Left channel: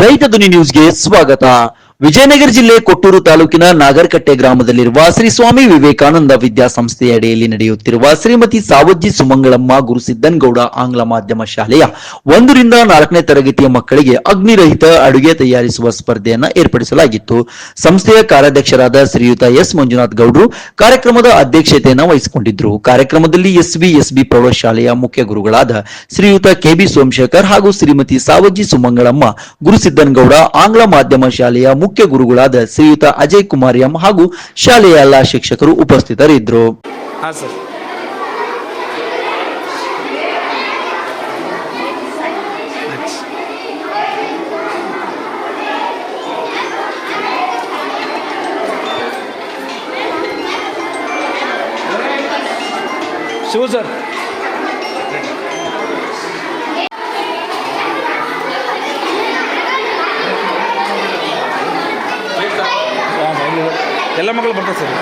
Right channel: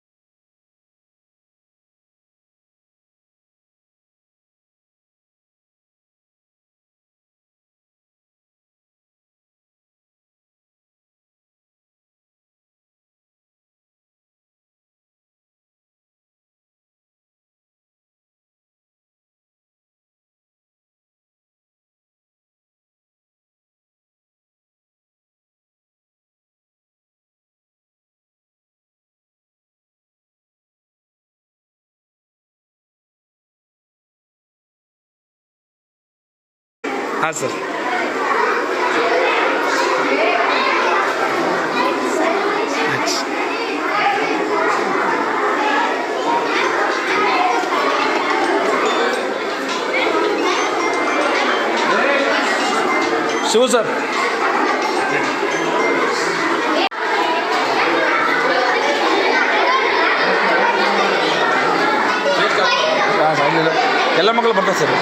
ರೈತ ಧ್ವನಿ ನ್ಯೂಸ್ಗೆ ಸ್ವಾಗತ. ವಿಜಯನಗರ ಜಿಲ್ಲೆ ಕೊಟ್ಟೂರು ತಾಲೂಕಿನ ನಾಗರಕಟ್ಟೆ ಗ್ರಾಮದಲ್ಲಿರುವ ಶ್ರೀ ಸ್ವಾಮಿ ವಿವೇಕಾನಂದ ವಿದ್ಯಾಸಂಸ್ಥೆಯ ಅಡಿಯಲ್ಲಿ ನಡೆಯುತ್ತಿರುವ ಶ್ರೀಮತಿ ಸಾವಜ್ಜಿ ಸುಮಂಗಳಮ್ಮ ಗುರುಸಿದ್ದನ್ಗೌಡ ಆಂಗ್ಲ ಮಾಧ್ಯಮ ಶಾಲೆಯ ಒಂದರಿಂದ ನಾಲ್ಕನೇ ತರಗತಿಯ ಮಕ್ಕಳಿಗೆ ಅಗ್ನಿರಹಿತ ಅಡುಗೆ ತಯಾರಿಸುವ ಸ್ಪರ್ಧೆಯನ್ನು ಏರ್ಪಡಿಸಲಾಗಿತ್ತು. ಸಂಸ್ಥೆಯ ಕಾರ್ಯಾಧ್ಯಕ್ಷರಾದ ಶ್ರೀಯುತ ಎಸ್ ಮಂಜುನಾಥ್ ಗೌಡ್ರು ಕಾರ್ಯಕ್ರಮದ ಅಧ್ಯಕ್ಷತೆಯನ್ನು ವಹಿಸಿಕೊಂಡಿದ್ದರು ಕಾರ್ಯಕ್ರಮದಲ್ಲಿ ಎಸ್ವಿ ಎಸ್ಬಿ ಪ್ರೌಢಶಾಲೆಯ ಮುಖ್ಯ ಗುರುಗಳಾದ ಶ್ರೀಯುತ ಕೆಬಿ ಸೋಮಶೇಖರ್ ಹಾಗೂ ಶ್ರೀಮತಿ ಸಾವಜ್ಜಿ ಸುಮಂಗಳಮ್ಮ ಗುರುಸಿದ್ದನ್ಗೌಡ ಆಂಗ್ಲ ಮಾಧ್ಯಮ ಶಾಲೆಯ ಮುಖ್ಯ ಗುರುಗಳಾದ ಶ್ರೀಯುತ ಅಜಯ್ ಕುಮಾರ್ ಎಂ ಹಾಗೂ ಶಾಲೆಯ ಎಲ್ಲಾ ಶಿಕ್ಷಕರು ಉಪಸ್ಥಿತರಿದ್ದರು. ಶಿವ ಸರ್. ಹಾಂ ಇಲ್ಲ. ಎಲ್ಲ ಮಕ್ಕಳು ಬರ್ತಾರೆ ಸರ್